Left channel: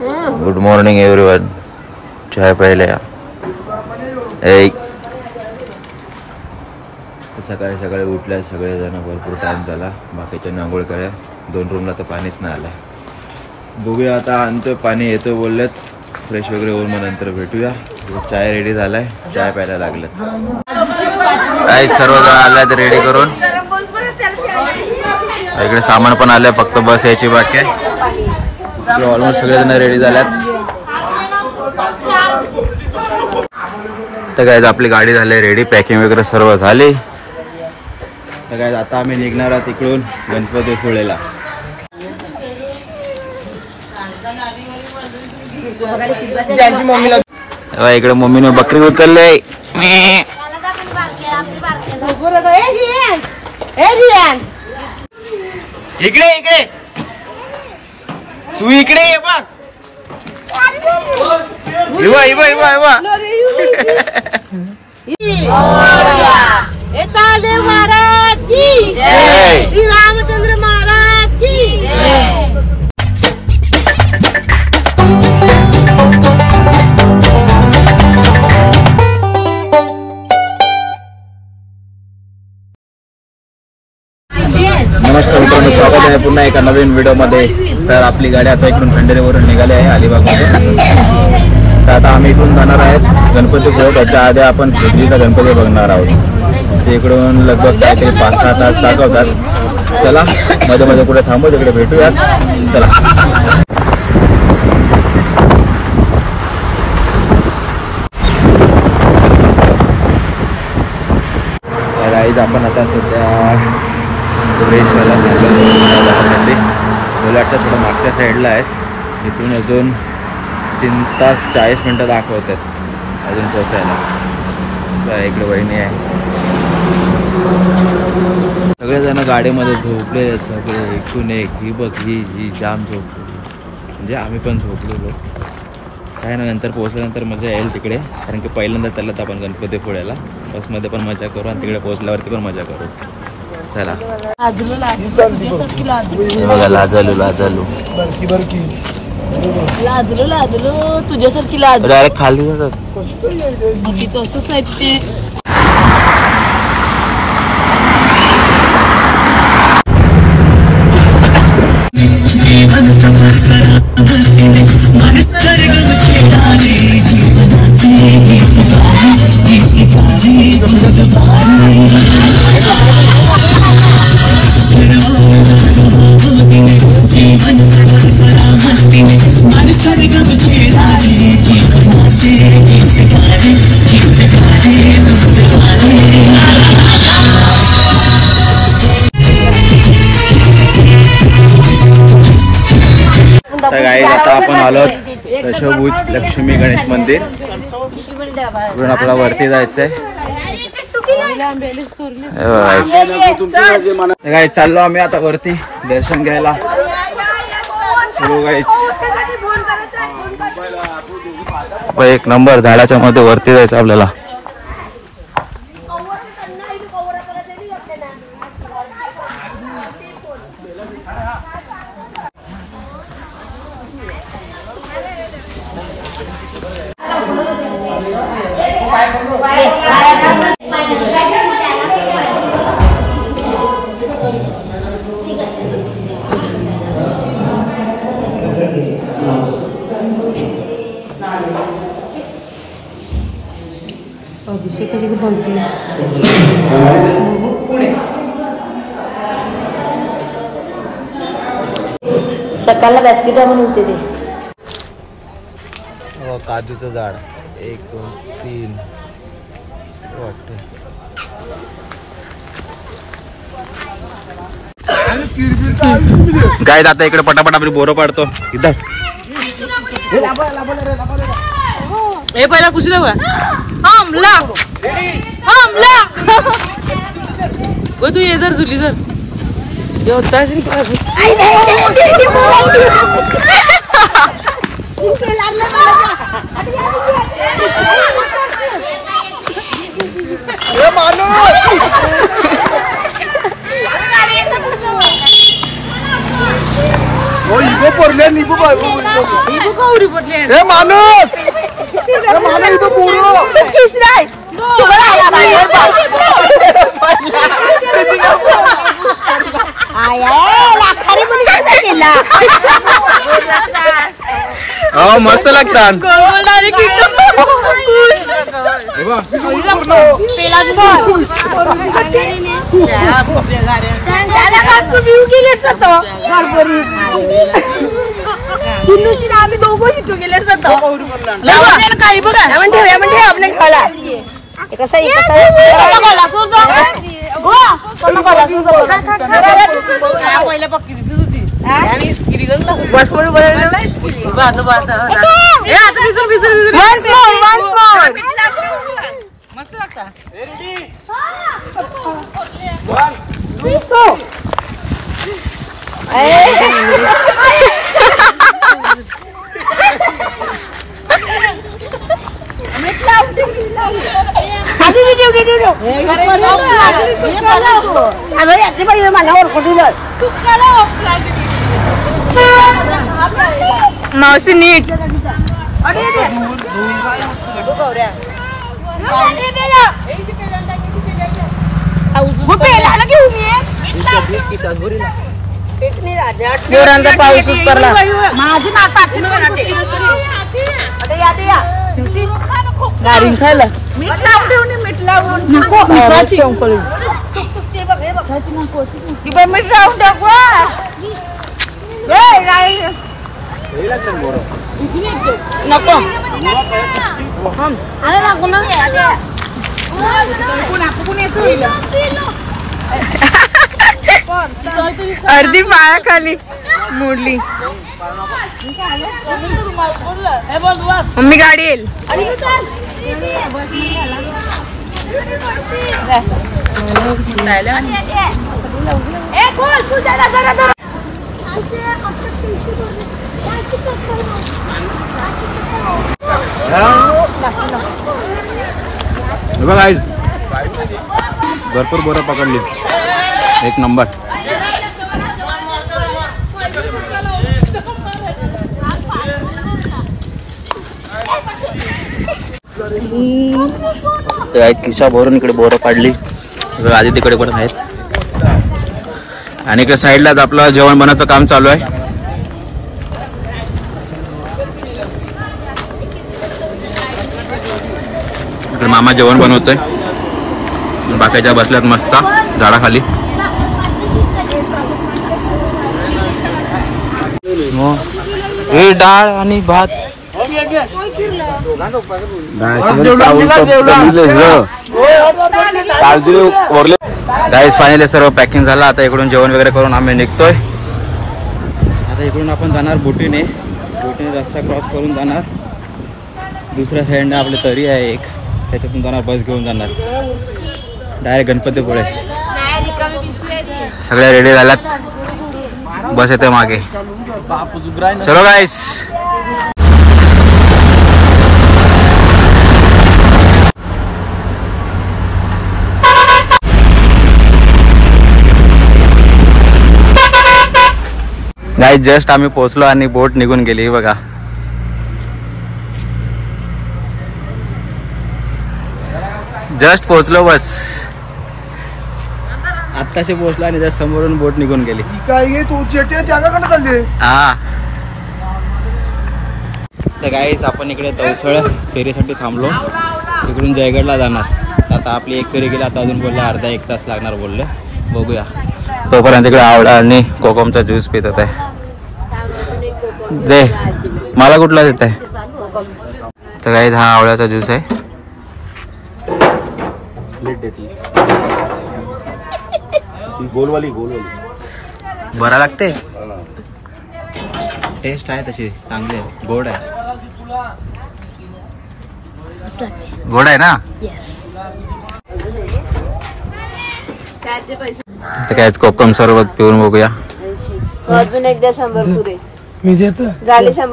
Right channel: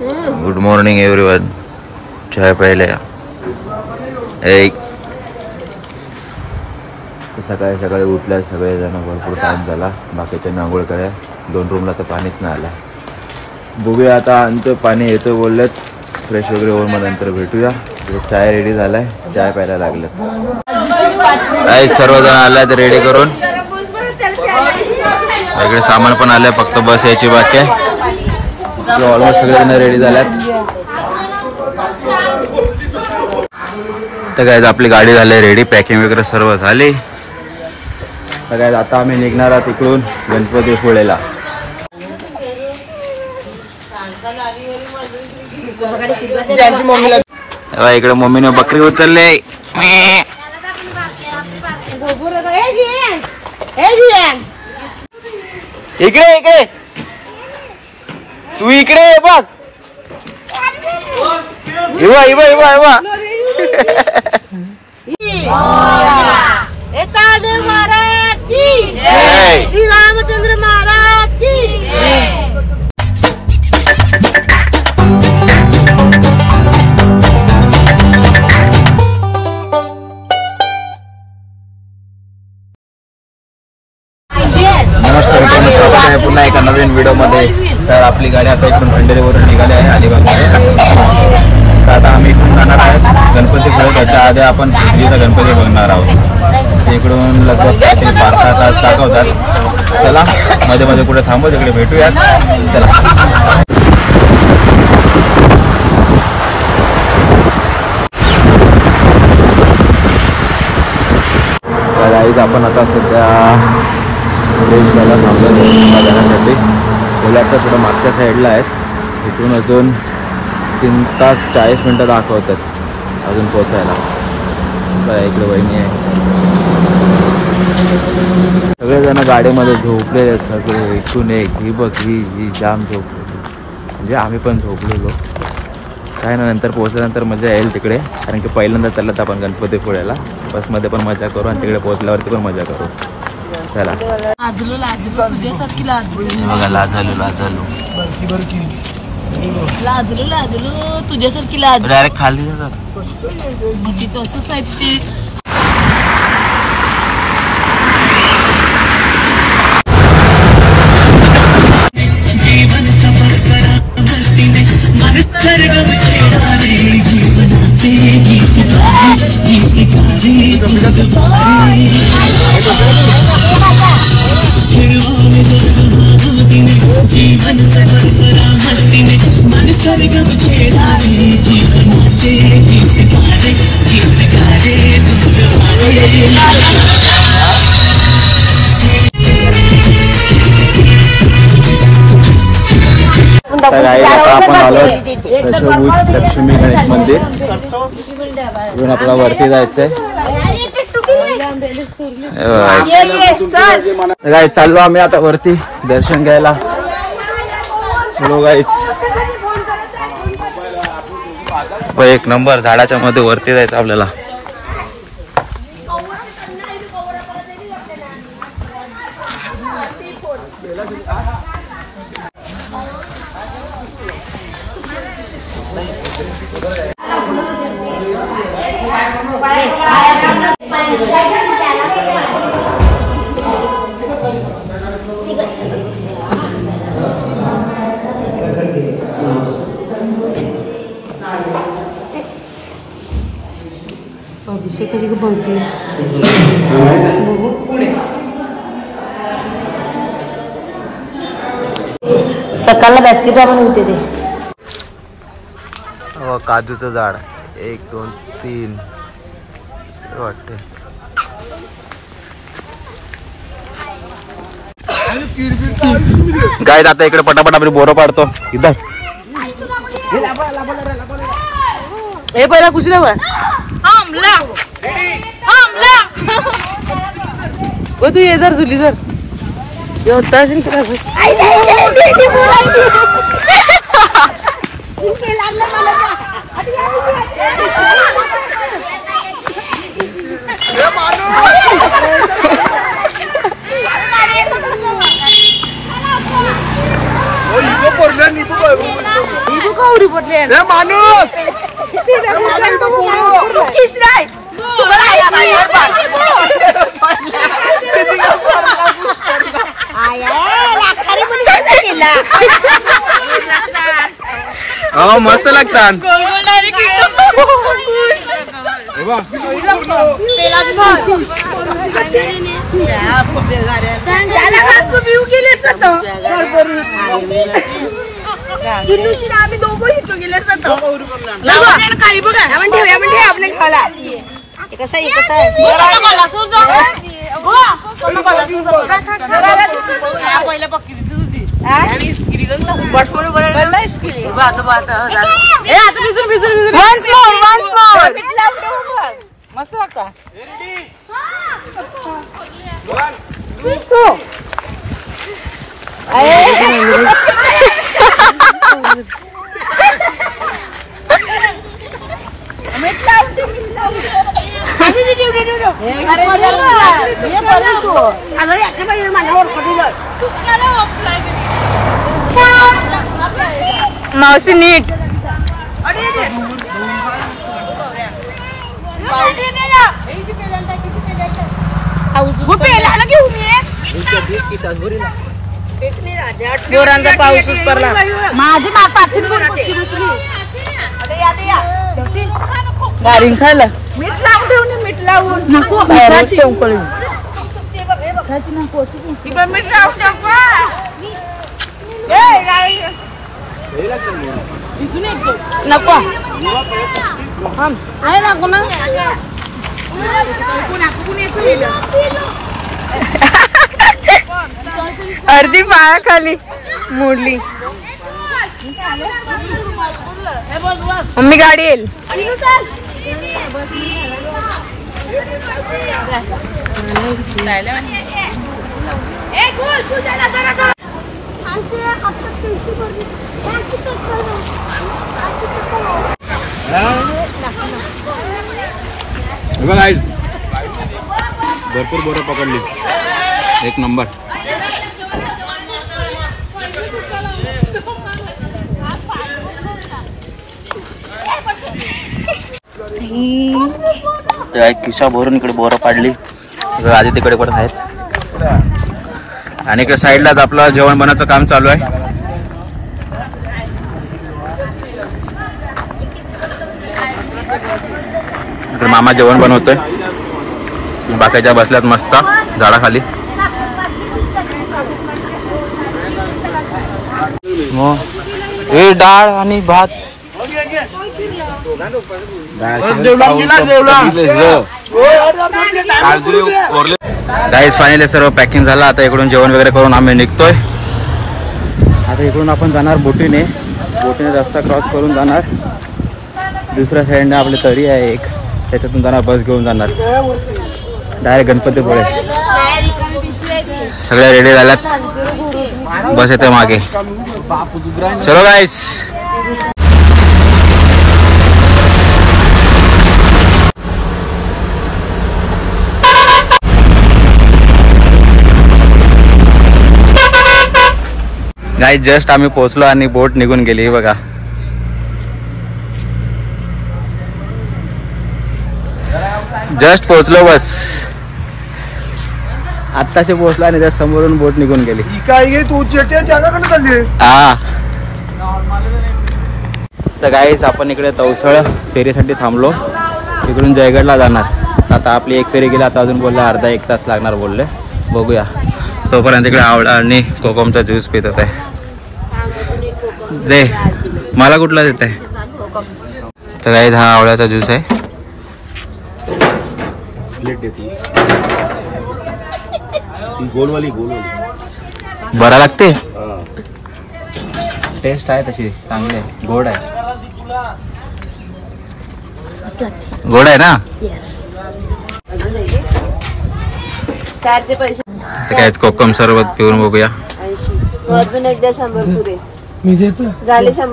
Good morning everyone. चाय प्यायला या. सकाळी सकाळी उठल्या सगळेजण, भरपूर टाइम झाला. बाकीच्यांनी आंघोळ करा. 2 रूमला तर पाणीच नाही आलं. बघूया आता, आणतो पाणी येतो बोललेत. फ्रेश वगैरे होऊन मग नंतर भेटूया. चाय रेडी झालाय, चाय प्यायला लागलेत. सर्वजण आल्यात रेडी करून. इकडे सामान पण आलंय, फक्त बस यायची बाकी आहे. ऑलमोस्ट सगळेजण रेडी झाल्यात. तर काय आपली गाडी झाली रेडी, पॅकिंग वगैरे सर्व झाली. तर काय आता आम्ही निघणार आहोत इकडून गणपतीपुळेला. इकडे मम्मीने बकरी उचलले. इकडे इकडे तू इकडे बघ. इवा इवा इवा इवा. देव महाराज की जय, श्री रामचंद्र महाराज की जय. नमस्कार मित्रांनो, स्वागत आहे पुन्हा एका नवीन व्हिडिओमध्ये. तर आपली गाडी आता इकडून खंडेरीवरून निघाली आहे अलिबागमधून. तर आता आम्ही इकडून जाणार आहेत गणपतीपुळे. त्याच्या आधी आपण हुजरीचा गणपती बघणार आहोत. इकडून लगभग काहीतरी 5-6 तास दाखवतात. चला मध्ये मध्ये कुठे थांबू, तिकडे भेटूयात. चला. तर गाईज आपण आता सध्या फ्रेश व्हायला थांबलो जाण्यासाठी. कोलाडच्या थोडं मागच्या साईडला आहेत. इथून अजून 3 तास 40 मिनटं दाखवतात अजून पोचायला. इकडे वहिनी आहे. सगळेजण गाडीमध्ये झोपले आहेत सगळे. इकडून एक ही बघ, ही जाम झोपलेली. म्हणजे आम्ही पण झोपलेलो. काय ना, नंतर पोहोचल्यानंतर मजा येईल तिकडे. कारण की पहिल्यांदा चाललं आपण गणपतीपुळेला. बसमध्ये पण मजा करू आणि तिकडे पोहोचल्यावरती पण मजा करू. चला. लाजलू लाजलू तुझ्यासारखी लाजलू. डायरेक्ट खाली जातात. तसंच आहे ते. तर गाईज आता आपण आलो दशभुज लक्ष्मी गणेश मंदिर. इकडून आपल्याला वरती जायचंय. गाईज चाललो आम्ही आता वरती दर्शन घ्यायला. चलो गाईज. एक नंबर झाडाच्या मध्ये वरती जायचं आपल्याला. अभिषेकाची बोलते सकाळला बास्केट आपण होते ते. काजूचं झाड 1 2 3 वाटते. काय आता इकडे पटापट आपण बोरं पाडतो. इथं ए पहिला कुछ नाही हमला वो तू ये जर झुली जर होता 이거 버리냐 이거 봐. माणूस मस्त लागतात. आम्ही दोघं इथून गेले काही बघा आपल्या खाला पहिल्या पक्की दिसत होती मस्त वाटतं. मावशी नीट गाडीन खायला मीठ लावून ठेवून मीठ लावून नको मिठाची मीठ लावून टाकू नको अर्धी पायाखाली मोडली. मम्मी गाडी येईल. बघा भरपूर बोरं पकडली. एक नंबर. किशा भरून इकडे बोरं पाडली. आधी तिकडे पण आहेत आणि इकडे साईडलाच आपलं जेवण बनवायचं काम चालू आहे. इकडे मामा जेवण बनवतोय. बाकीच्या बसल्यात मस्त झाडाखाली. हे डाळ आणि भात. गाईस फायनली सर्व पॅकिंग झालं. आता इकडून जेवण वगैरे करून आम्ही निघतोय. आता इकडून आपण जाणार बोटीने रस्ता क्रॉस करून जाणार. दुसऱ्या साईडने आपली तरी आहे एक, त्याच्यातून जाणार. बस घेऊन जाणार डायरेक्ट गणपतीपुळे. सगळ्या रेडी झाल्यात. बस येते मागे. चलो गाईस. गाईस जस्ट आम्ही पोहोचलो आणि बोट निघून गेली. बघा जस्ट पोहोचलो. बस आत्ताशी पोहोचलो आणि जस्ट समोरून बोट निघून गेली. हा तर गाईस आपण इकडे तवसळ फेरीसाठी थांबलो. इकडून जयगडला जाणार. आता आपली एक फेरी गेली. आता अजून बोलले अर्धा एक तास लागणार बोलले. बघूया. तोपर्यंत इकडे आवडा आणि कोकमचा ज्यूस पित होत आहे. दे मला कुठला देत आहे. तर काही हा आवळ्याचा ज्यूस आहे. बरा लागते. टेस्ट आहे तशी चांगली आहे. गोड आहे. गोड आहे ना. काय कोकम सरबत पिऊन बघूया. अजून एकदा 100 पुरे झाले. 100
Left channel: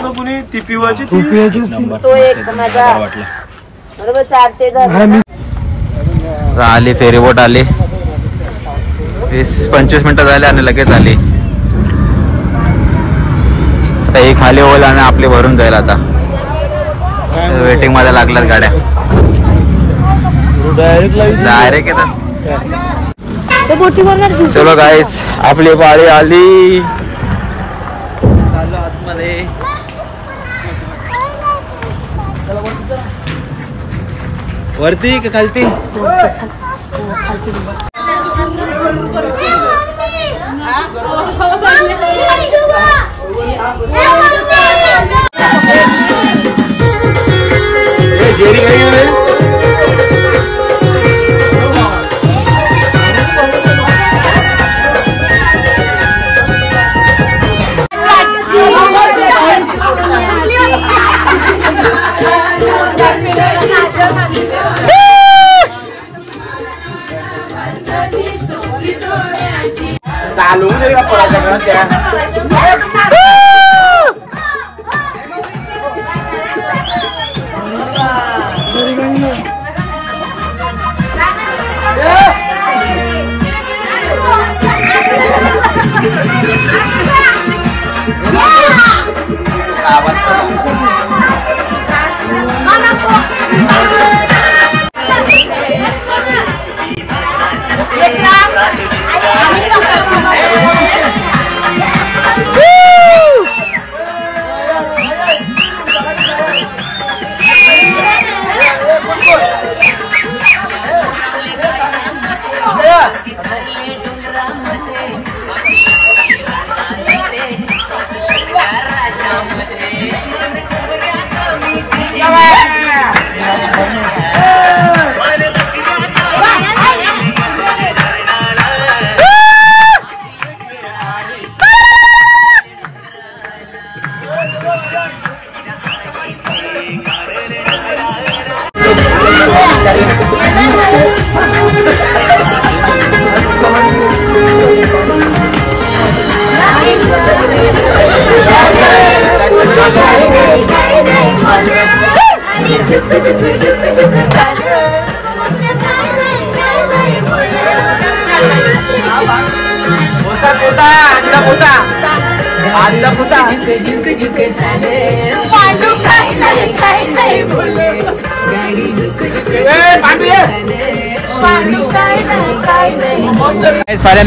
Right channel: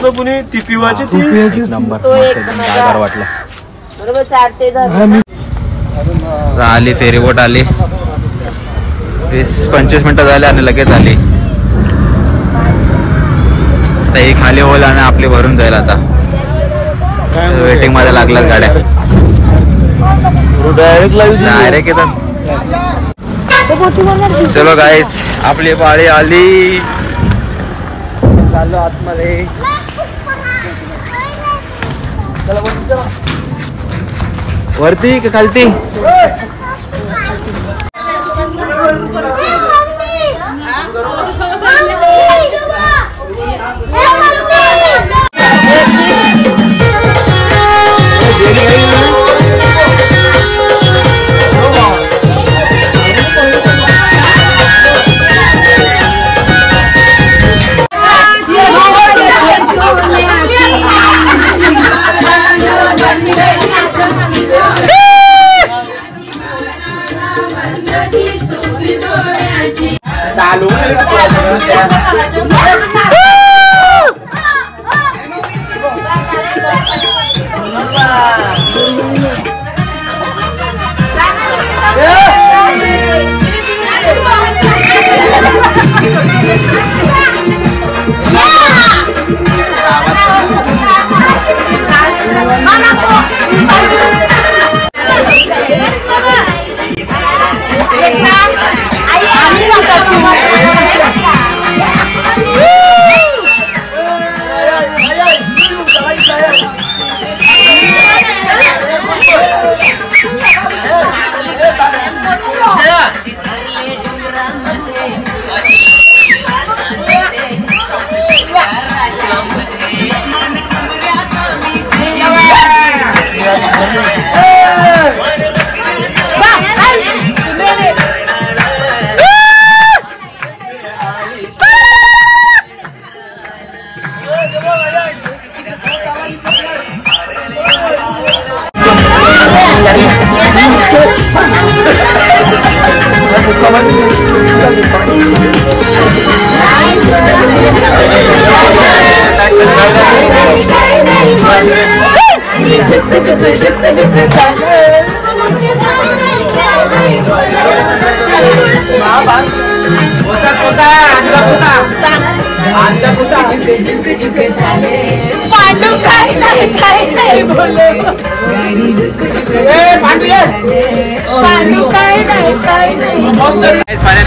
पुरे कुणी ती पिवायची. एक नंबर मस्त एकदम गारगार वाटलं. बरोबर 4 ते 10 आली फेरी बोट आली. 20-25 मिनिटं झाली आणि लगेच आली. ही खाली होईल आणि आपली भरून जाईल. आता वेटिंग मध्ये लागल्यात गाड्या, डायरेक्ट येतात. चलो गाईस, आपली गाडी आली. चाललो आतमध्ये. वरती का खालती?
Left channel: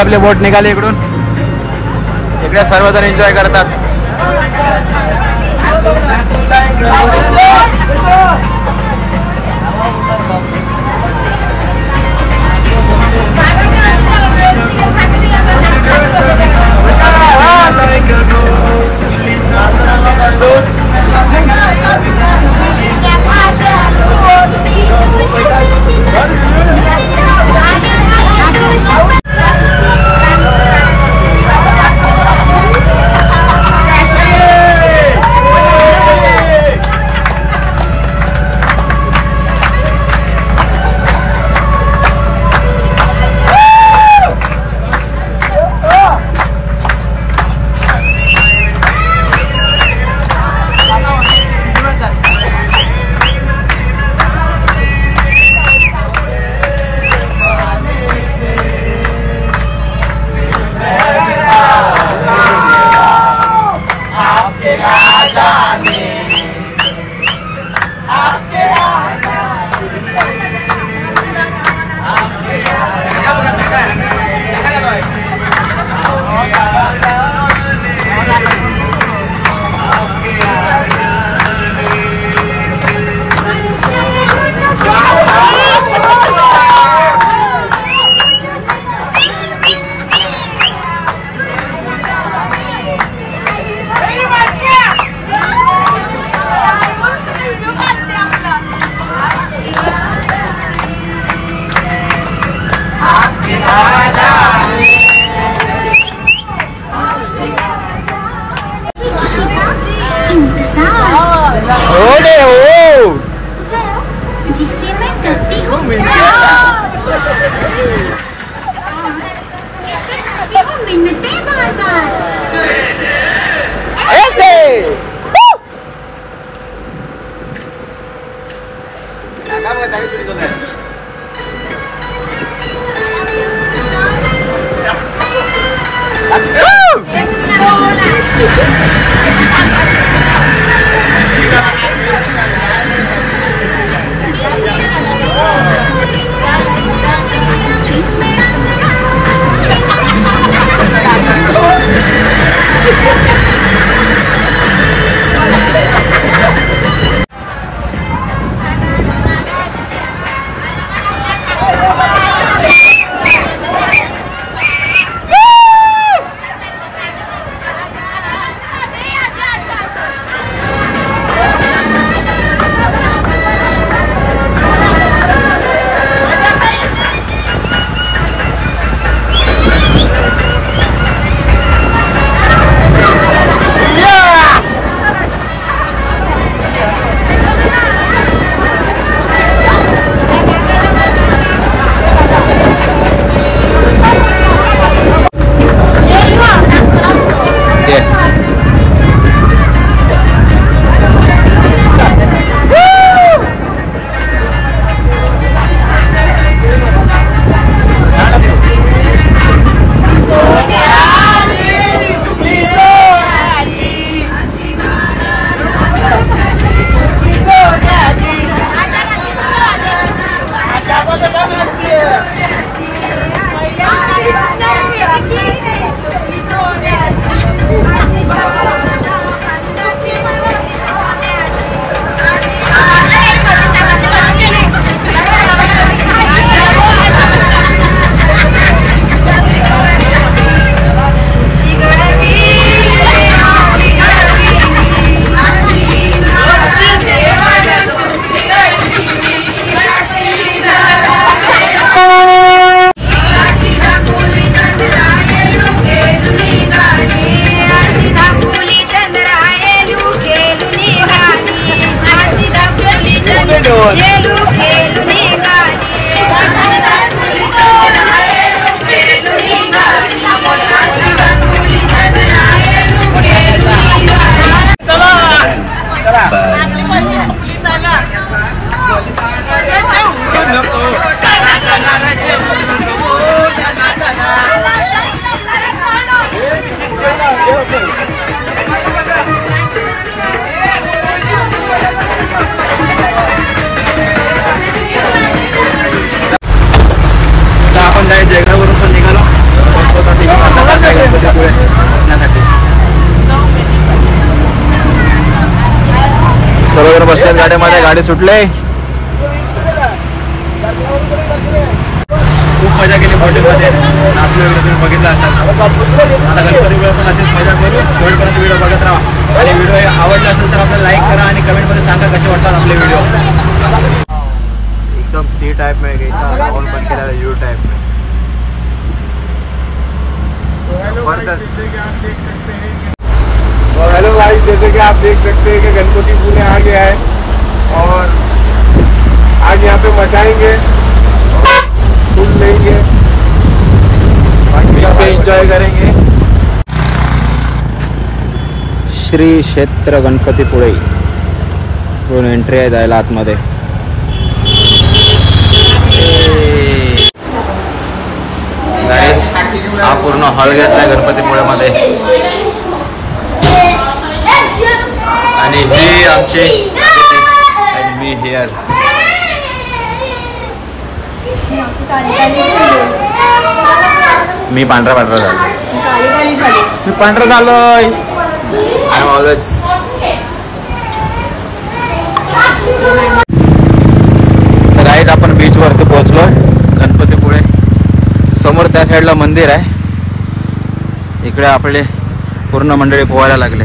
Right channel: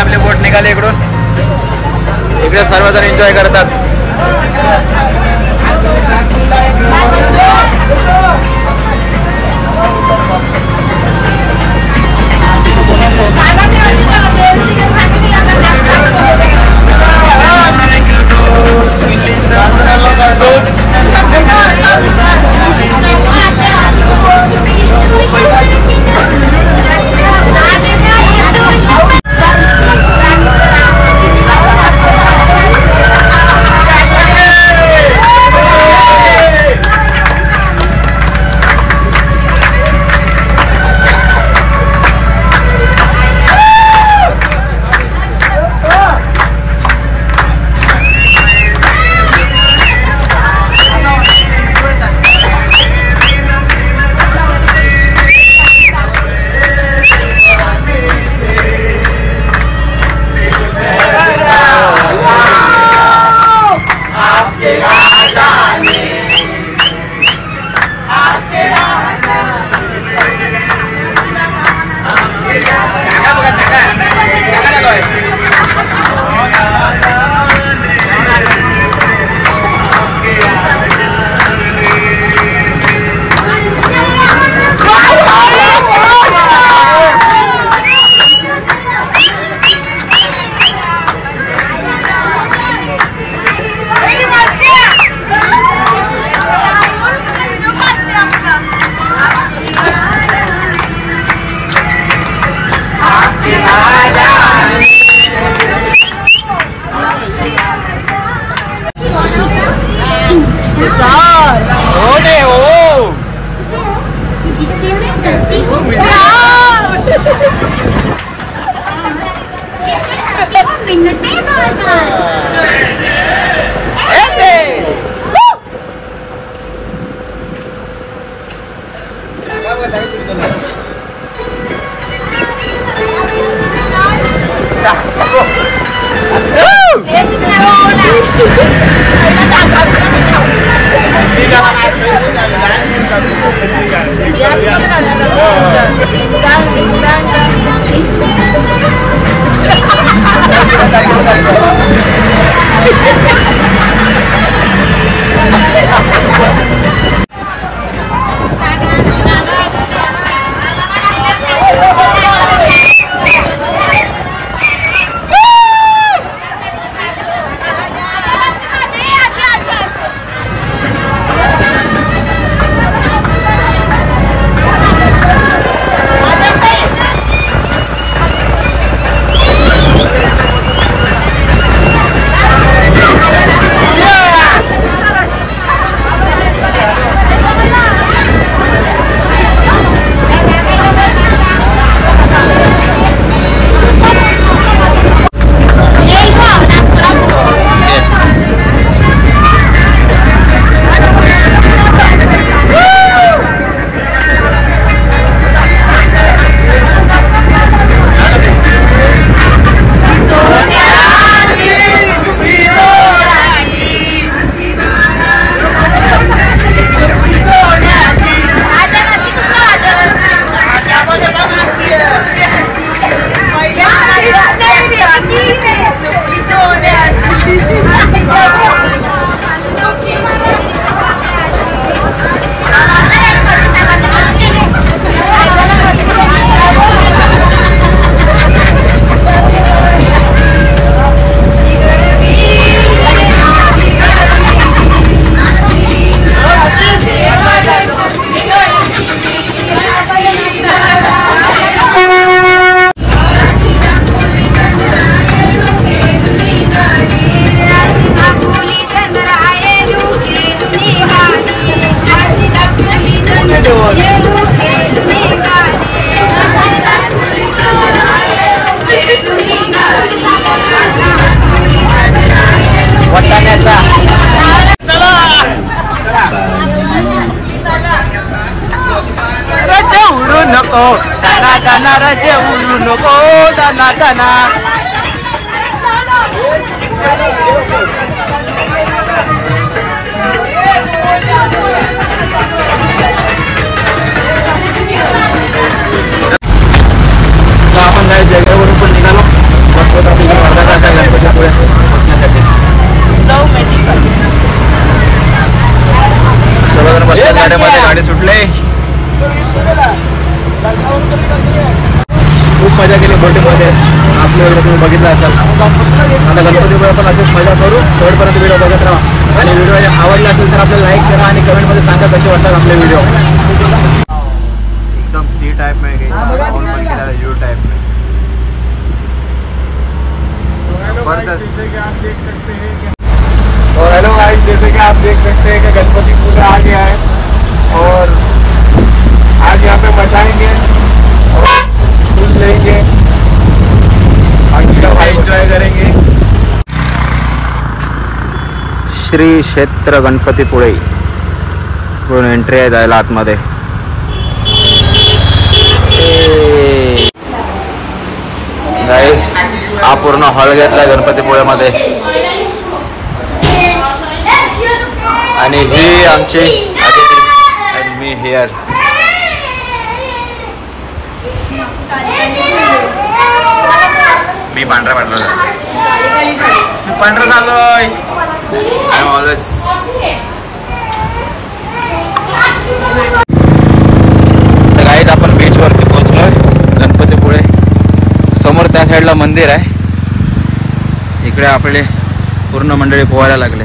आपले बोट निघाले इकडून. इकडे सर्वजण एन्जॉय करतात. नाराचे उरू नको दाना दाना. आपण काय जयगडवरून पण निघालो. बस होता तिकडे अर्धा तास आहे गणपतीपुळे पोहोचण्यासाठी. सर्वजण बसतात गाड्यामध्ये. गाडी सुटले. खूप मजा केली बोटिंगमध्ये. नाचलो वगैरे तुम्ही बघितलं असाल. आता गणपतीपुळे पण असेच मजा करू. शेवटपर्यंत व्हिडिओ बघत राहा. आणि व्हिडिओ आवडला असेल तर आपल्याला लाईक करा आणि कमेंटमध्ये सांगा कसे वाटतात आपले व्हिडिओ. एकदम सी टाइप में गई राउंड बन के डाला यू टाइप में. और हेलो गाइस, जैसे कि आप देख सकते हैं कि गणपतीपुळे आ गया है और आज यहाँ पे मचाएंगे और फुल लेंगे. बाकी का एंजॉय करेंगे. श्री क्षेत्र गणपतीपुळे पूर्ण एंट्री आहे जायला आतमध्ये. गाईस हा पूर्ण हॉल घेतलाय गणपतीपुळेमध्ये आणि ही आमची अदिती अँड मी हिअर. मी पांढरा झालोय. पांढरा झालोय. I am always. तर गाईज आपण बीच वरती पोहोचलोय गणपतीपुळे. समोर त्या साईडला मंदिर आहे. इकडे आपले पूर्ण मंडळी पोहायला लागले.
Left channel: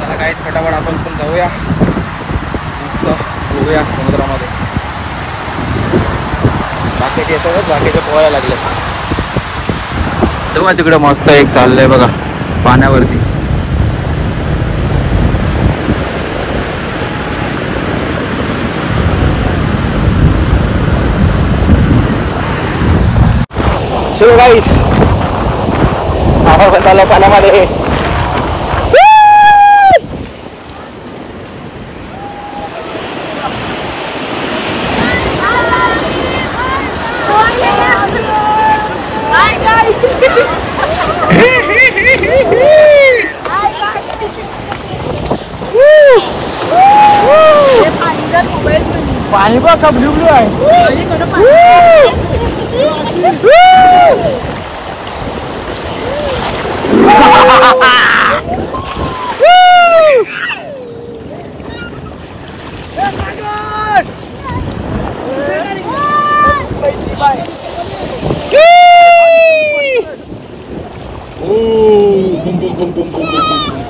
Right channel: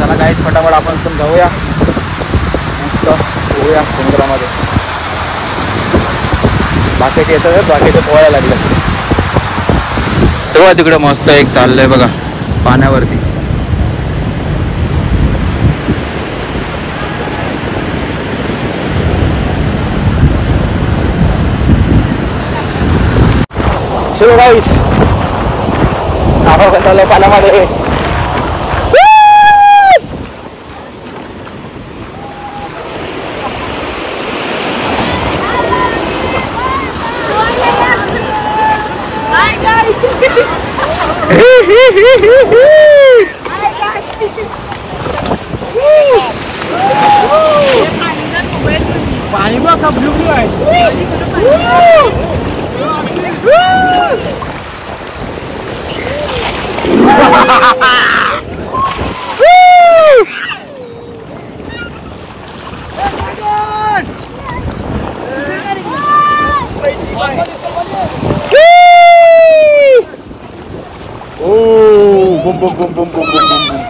चला गाईज फटाफट आपण पण जाऊया. मस्त पोहूया समुद्रामध्ये. बाकीचे येतात, बाकीचे पोहायला लागले. तेव्हा तिकडे मस्त एक चाललंय बघा पाण्यावरती. चलो गाईस आपण पण चाललो पाण्यामध्ये. पाणी बघ का ब्ल्यू ब्ल्यू आहे. बुम बुम बुम बुम बुम बुम बुम बुम.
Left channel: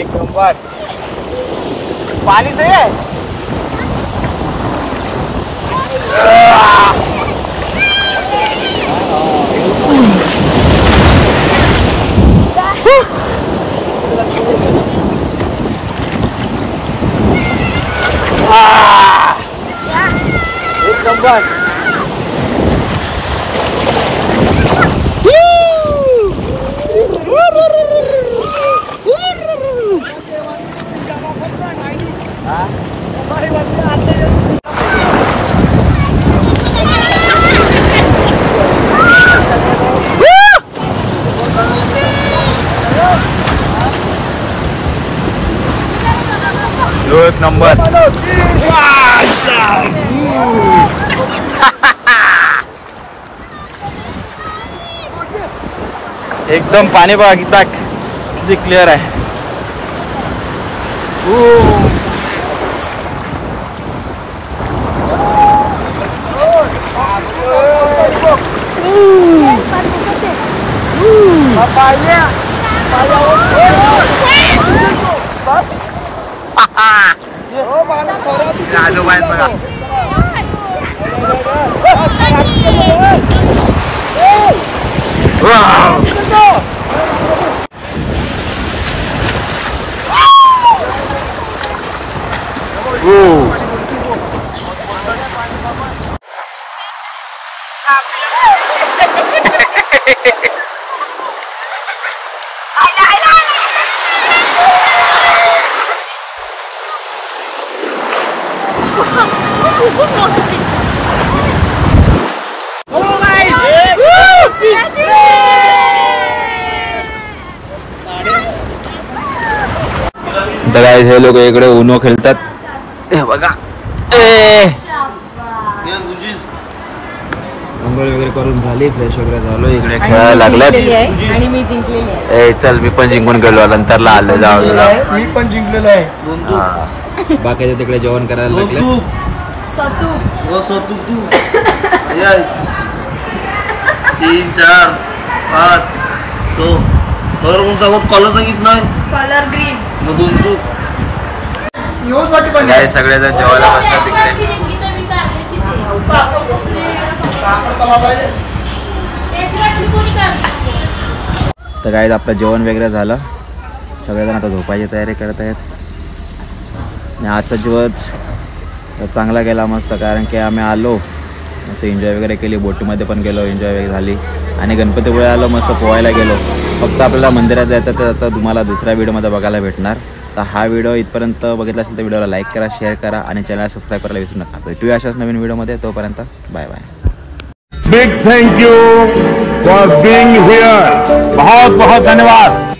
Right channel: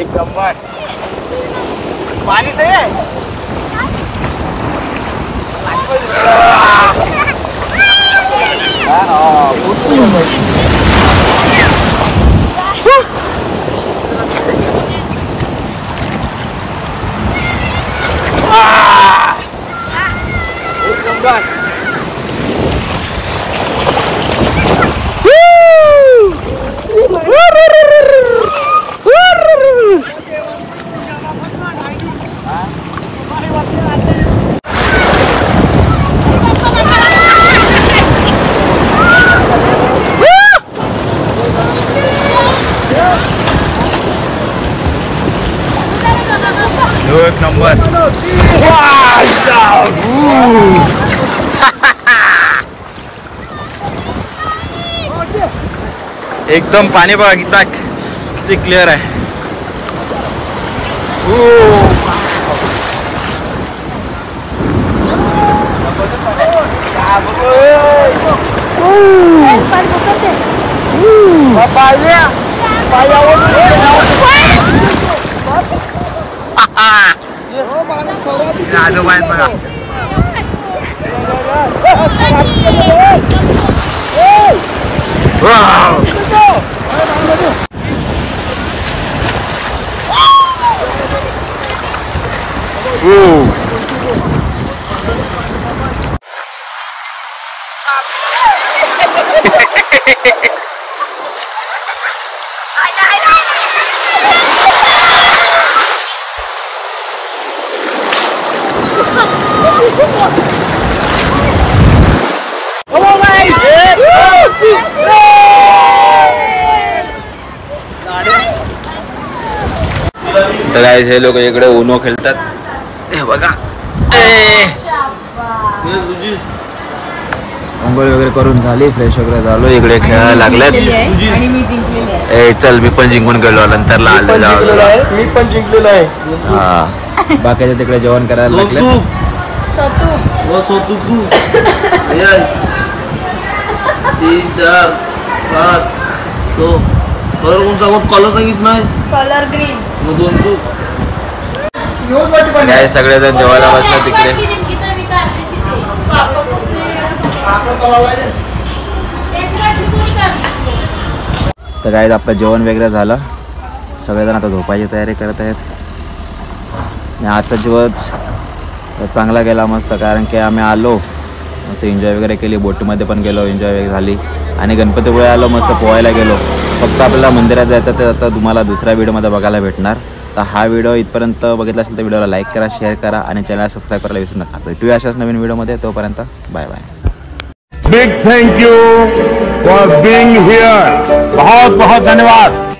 एक नंबर. पानी सही है. एक नंबर. एक नंबर. एकदम पाणी बघा किती क्लिअर आहे. आजोबा आहेत बघा. हे लोक इकडे उनो खेळतात. हे बघा अंघोळ वगैरे करून झाली, फ्रेश वगैरे झालो, इकडे खेळायला लागल्यात. आणि मी जिंकलेली आहे. ए चल मी पण जिंकून गेलो, नंतरला आलो जाऊ तुला. मी पण जिंकलेलो आहे. हा बाकीचे तिकडे जेवण करायला लागले. सतू 3 4 5 6 कोण सांगत कॉलर सांगितलं नाही. Colour green. मग 2 तू काय सगळेजण जेवायला बसतात तिकडे. तर काय आपलं जेवण वगैरे झालं, सगळेजण आता झोपायची तयारी करत आहेत. आणि आजचा दिवस चांगला गेला मस्त, कारण की आम्ही आलो मस्त एन्जॉय वगैरे केली, बोटीमध्ये पण गेलो, एन्जॉय वगैरे झाली. आणि गणपतीपुळे आलो, मस्त पोहायला गेलो. फक्त आपल्याला मंदिरात जायचं तर आता तुम्हाला दुसऱ्या व्हिडिओमध्ये बघायला भेटणार. तर हा व्हिडिओ इथपर्यंत बघितला असेल तर व्हिडिओला लाईक करा, शेअर करा आणि चॅनलला सबस्क्राईब करायला विसरू नका. भेटूया अशाच नवीन व्हिडिओमध्ये, तोपर्यंत bye bye. Big thank you for being here. बहुत बहुत धन्यवाद.